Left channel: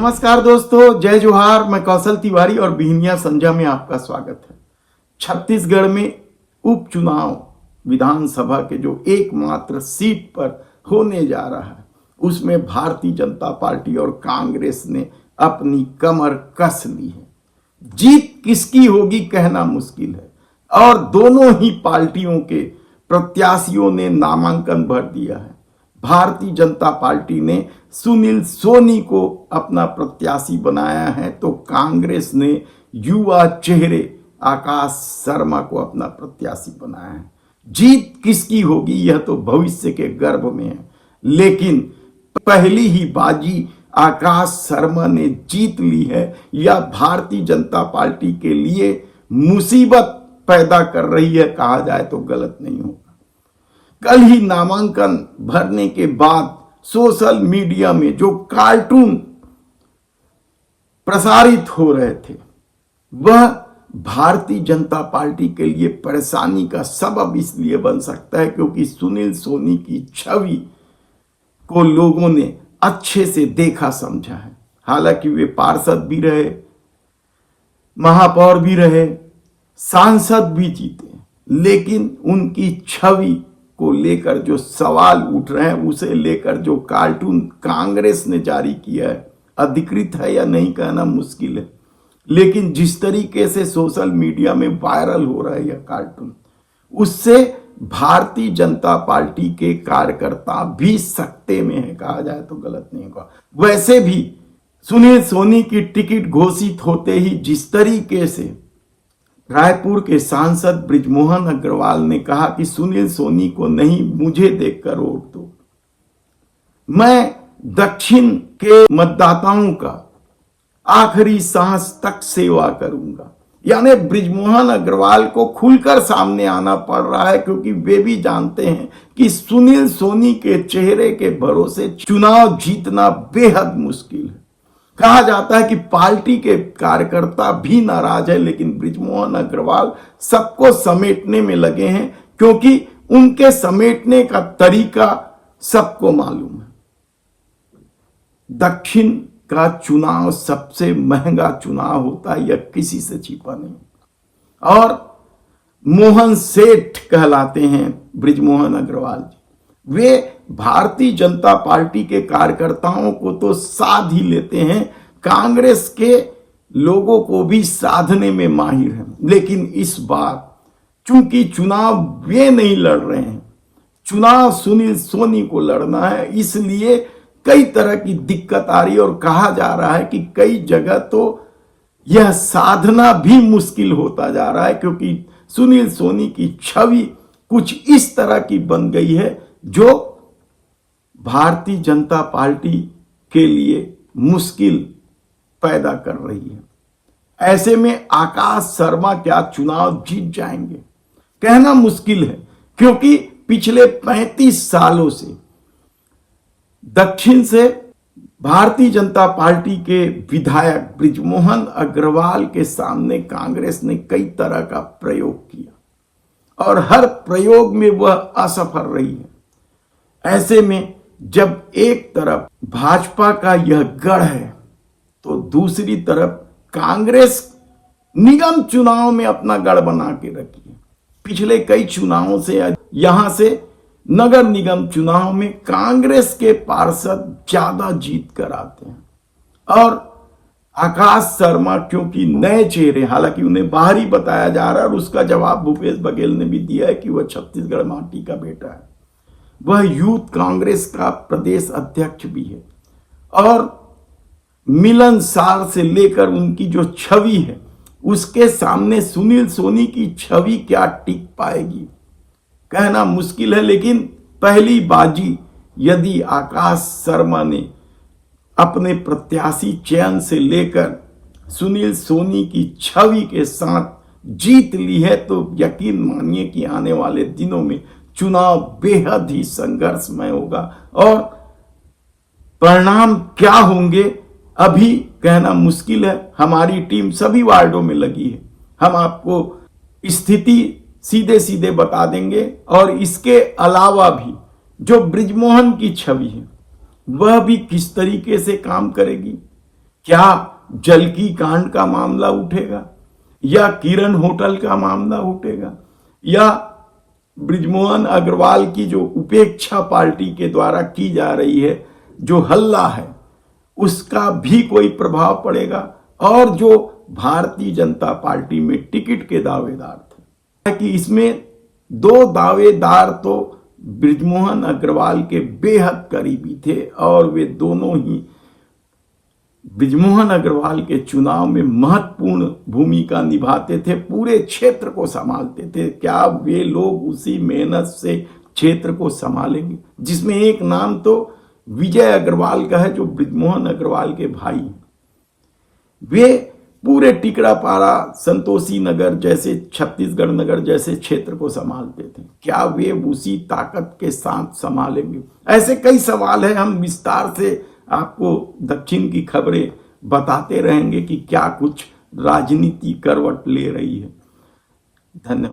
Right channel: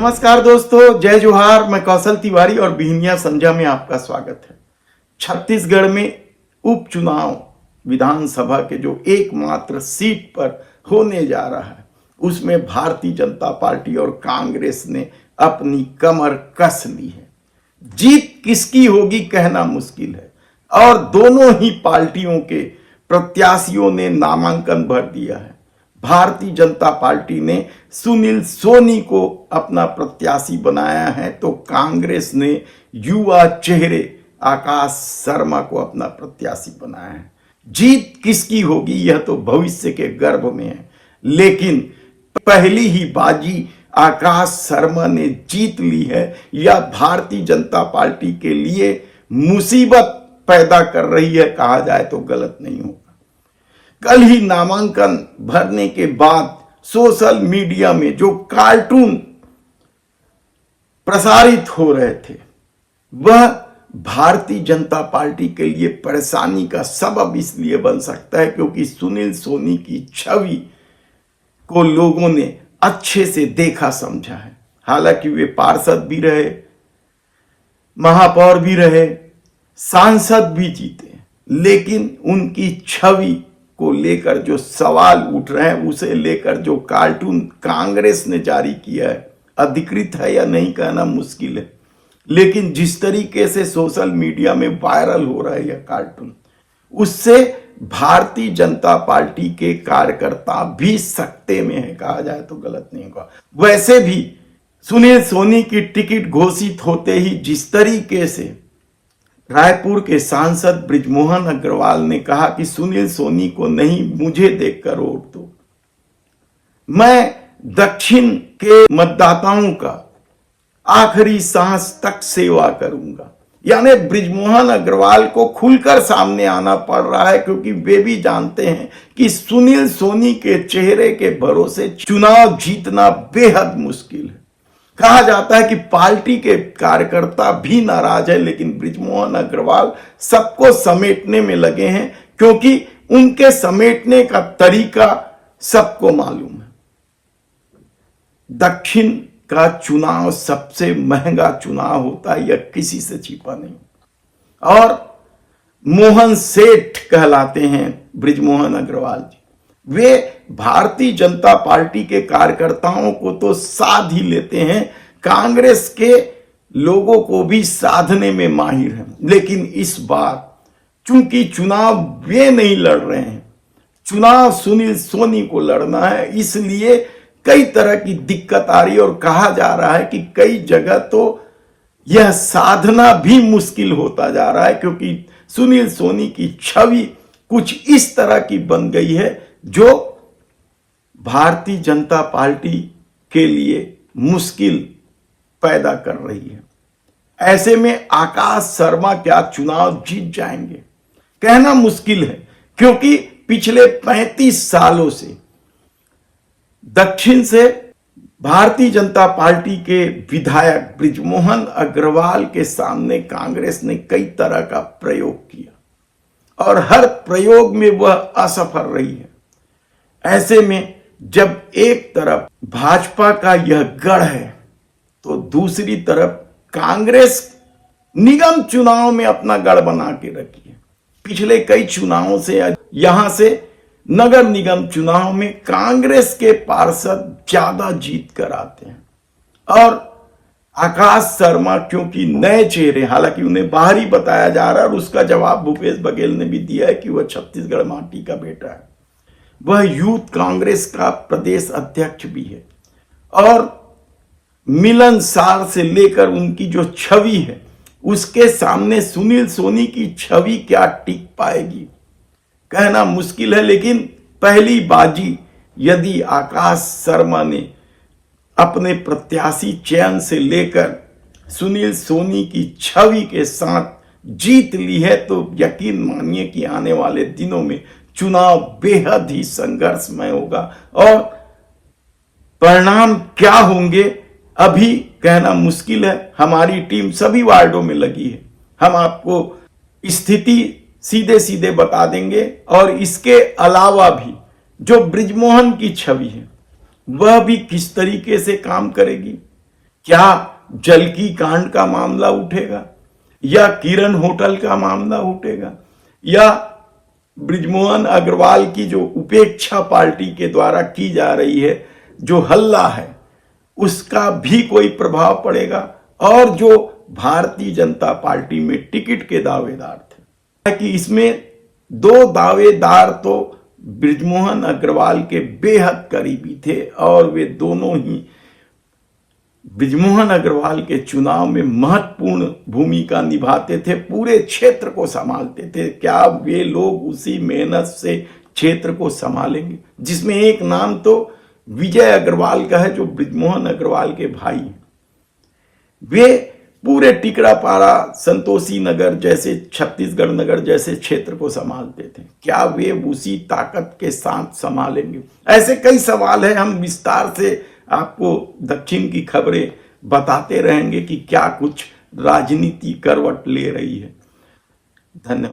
नमस्कार दोस्तों, जय जोहार। मैं कौशल तिवारी और बिहनिया संध्या में आपका स्वागत है। छत्तीसगढ़ में उपचुनाव विधानसभा के जो एकमात्र सीट पर होने जा रहा है, उसमें भारतीय जनता पार्टी और कांग्रेस ने अपनी कमर कस ली है। जीत किसकी होगी कहना मुश्किल है और दोनों ही पार्टियों के प्रत्याशियों ने नामांकन भर दिया है। भारतीय जनता पार्टी ने सुनील सोनी को अपना प्रत्याशी बनाया है, तो कांग्रेस ने युवा चेहरे आकाश शर्मा को अपना प्रत्याशी बनाया है। जीत किसकी होगी यह तो भविष्य के गर्भ में है, लेकिन पहली ही बाजी आकाश शर्मा ने जीत ली है। यह भारतीय जनता पार्टी के लिए मुसीबत पैदा कर रही है, कहा जाए तो गलत नहीं होगा। कल ही नामांकन भरने के बाद सोशल मीडिया में जो कार्टून प्रसारित हो रहे थे, वह भारतीय जनता पार्टी के लिए परेशानी का सबब इसलिए बन सकता है क्योंकि सुनील सोनी की छवि को लोगों ने अच्छे से देखा समझा है। हालांकि वे पार्षद भी रहे, महापौर भी रहे, सांसद भी जीते, लेकिन उनकी छवि को लेकर जो सवाल उठ रहे हैं, उसे लेकर जो कार्टून कांग्रेस ने जारी किया है, अधिकृत है या नहीं कहना मुश्किल है, लेकिन जिस तरीके से सोशल मीडिया में वायरल हो रहा है यह कार्टून, उससे भारतीय जनता पार्टी के कार्यकर्ता भी सकते में है, कहा जाए तो गलत नहीं होगा। वैसे भी सुनील सोनी की टिकट घोषित होते ही जिस तरीके से रायपुर के सांसद बृजमोहन अग्रवाल ने कहा कि सुनील सोनी को नहीं, मुझे देखकर वोट दो, मैं दक्षिण के मतदाताओं का आखिरी सांस तक सेवा करूंगा। यानी बृजमोहन अग्रवाल को खुलकर सामने आना पड़ रहा है, क्योंकि वे भी जानते हैं कि सुनील सोनी के चेहरे के भरोसे चुनाव जीतना बेहद मुश्किल है। कहा जाता है कि पार्टी के कार्यकर्ता भी नाराज है, लेकिन बृजमोहन अग्रवाल सबको समेटने में लगे हैं, क्योंकि उनके समेटने का तरीका सबको मालूम है। दक्षिण का चुनाव सबसे महंगा चुनाव होता है, यह किसी से छिपा नहीं। और मोहन सेठ कहलाते हैं बृजमोहन अग्रवाल जी। वे भारतीय जनता पार्टी के कार्यकर्ताओं को तो साध ही लेते हैं, कांग्रेस के लोगों को भी साधने में माहिर हैं। लेकिन इस बार चूंकि चुनाव वे नहीं लड़ रहे हैं, चुनाव सुनील सोनी को लड़ना है, इसलिए कई तरह की दिक्कत आ रही है और कहा जा रहा है कि कई जगह तो यह साधना भी मुश्किल होता जा रहा है, क्योंकि सुनील सोनी की छवि कुछ इस तरह की बन गई है जो भारतीय जनता पार्टी के लिए मुश्किल पैदा कर रही है। ऐसे में आकाश शर्मा क्या चुनाव जीत जाएंगे कहना मुश्किल है, क्योंकि पिछले 35 सालों से दक्षिण से भारतीय जनता पार्टी के विधायक बृजमोहन अग्रवाल के सामने कांग्रेस ने कई तरह का प्रयोग किया और हर प्रयोग में वह असफल रही है। ऐसे में जब एक तरफ भाजपा का यह गढ़ है, तो दूसरी तरफ कांग्रेस निगम चुनाव में अपना गढ़ बना के रखी है। पिछले कई चुनावों से यहां से नगर निगम चुनाव में कांग्रेस के पार्षद ज्यादा जीत कर आते हैं। और आकाश शर्मा क्योंकि नए चेहरे, हालांकि उन्हें बाहरी बताया जा रहा है और उसका जवाब भूपेश बघेल ने भी दिया है कि वह छत्तीसगढ़ माटी का बेटा है, वह यूथ कांग्रेस का प्रदेश अध्यक्ष भी है और मिलनसार से लेकर उनकी जो छवि है, उसके सामने सुनील सोनी की छवि क्या टिक पाएगी कहना मुश्किल है। लेकिन पहली बाजी यदि आकाश शर्मा ने अपने प्रत्याशी चयन से लेकर सुनील सोनी की छवि के साथ जीत ली है, तो यकीन मानिए कि आने वाले दिनों में चुनाव बेहद ही संघर्षमय होगा और परिणाम क्या होंगे अभी कहना मुश्किल है। हमारी टीम सभी वार्डों में लगी है, हम आपको स्थिति सीधे सीधे बता देंगे और इसके अलावा भी जो बृजमोहन की छवि है वह भी किस तरीके से काम करेगी, क्या जलकी कांड का मामला उठेगा, या किरण होटल का मामला उठेगा, या बृजमोहन अग्रवाल की जो उपेक्षा पार्टी के द्वारा की जा रही है, जो हल्ला है, उसका भी कोई प्रभाव पड़ेगा? और जो भारतीय जनता पार्टी में टिकट के दावेदार थे, कि इसमें दो दावेदार तो बृजमोहन अग्रवाल के बेहद करीबी थे और वे दोनों ही बृजमोहन अग्रवाल के चुनाव में महत्वपूर्ण भूमिका निभाते थे, पूरे क्षेत्र को संभालते थे। क्या वे लोग उसी मेहनत से क्षेत्र को संभालेंगे? जिसमें एक नाम तो विजय अग्रवाल का है, जो बृजमोहन अग्रवाल के भाई। वे पूरे टिकरापारा, संतोषी नगर जैसे, छत्तीसगढ़ नगर जैसे क्षेत्र को संभालते थे। क्या वे उसी ताकत के साथ संभालेंगे? ऐसे कई सवाल हैं। हम विस्तार से आपको दक्षिण की खबरें बताते रहेंगे कि क्या कुछ राजनीति करवट ले रही है। धन्यवाद।